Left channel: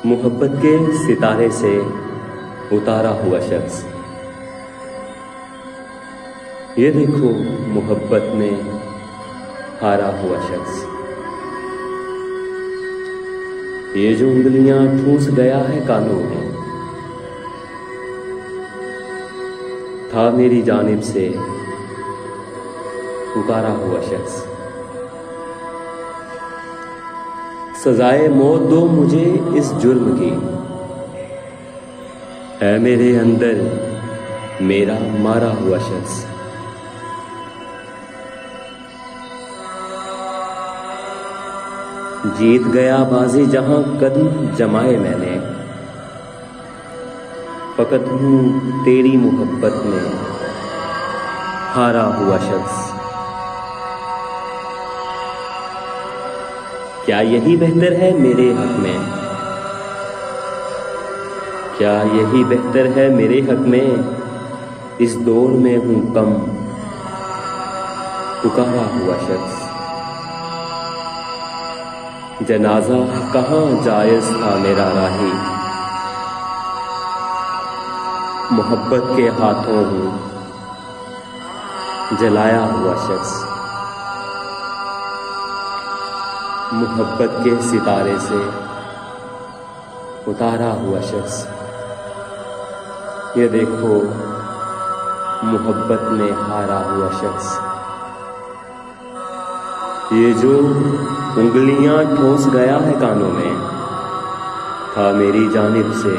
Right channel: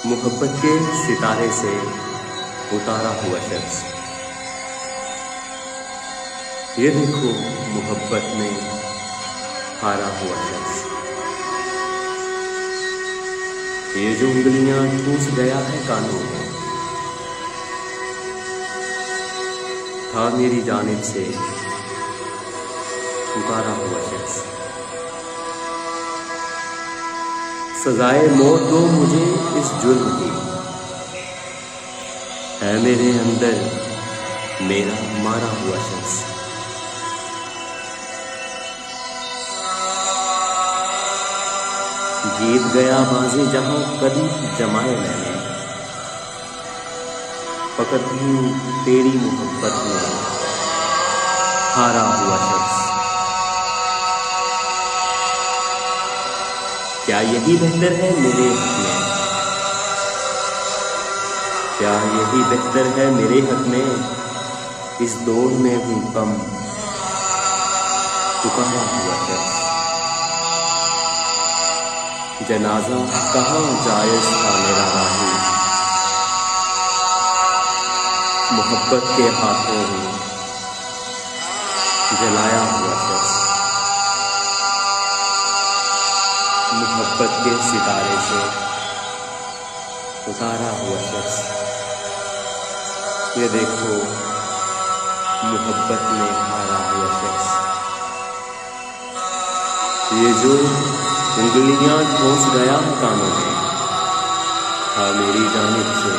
मोहब्बत के सितारे से उतारा हुआ शख्स, ये देखो मोहब्बत में हारा हुआ शख्स। ये जो उंगलियां ठूस गया है कानों में, था मेरी जानिब से पुकारा हुआ शख्स। सजाए मौत दो मुझे इस जुर्म की, है मेरे अंदर मेरा मारा हुआ शख्स। जीत गया बाजी जहां कदम जमाए मैंने, फकत हूं तेरी मोहब्बत में हारा हुआ शख्स। क्या यही बेहतर है मेरे हक में? क्या यही बेहतर है मेरे हक में? इस दौर में हूं कम पुकारा हुआ शख्स। जनाजा कहाँ जायज था मेरा राही, मोहब्बत के हाथों हूं जलाया हुआ शख्स। मोहब्बत के सितारे से उतारा हुआ शख्स, ये देखो मोहब्बत में हारा हुआ शख्स। ये जो उंगलियां ठोस गया है कानों में, था मेरी जानिब से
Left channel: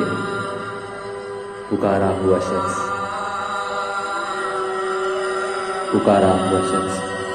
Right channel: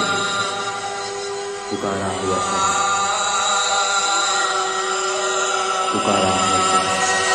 पुकारा हुआ शख्स, पुकारा हुआ शख्स।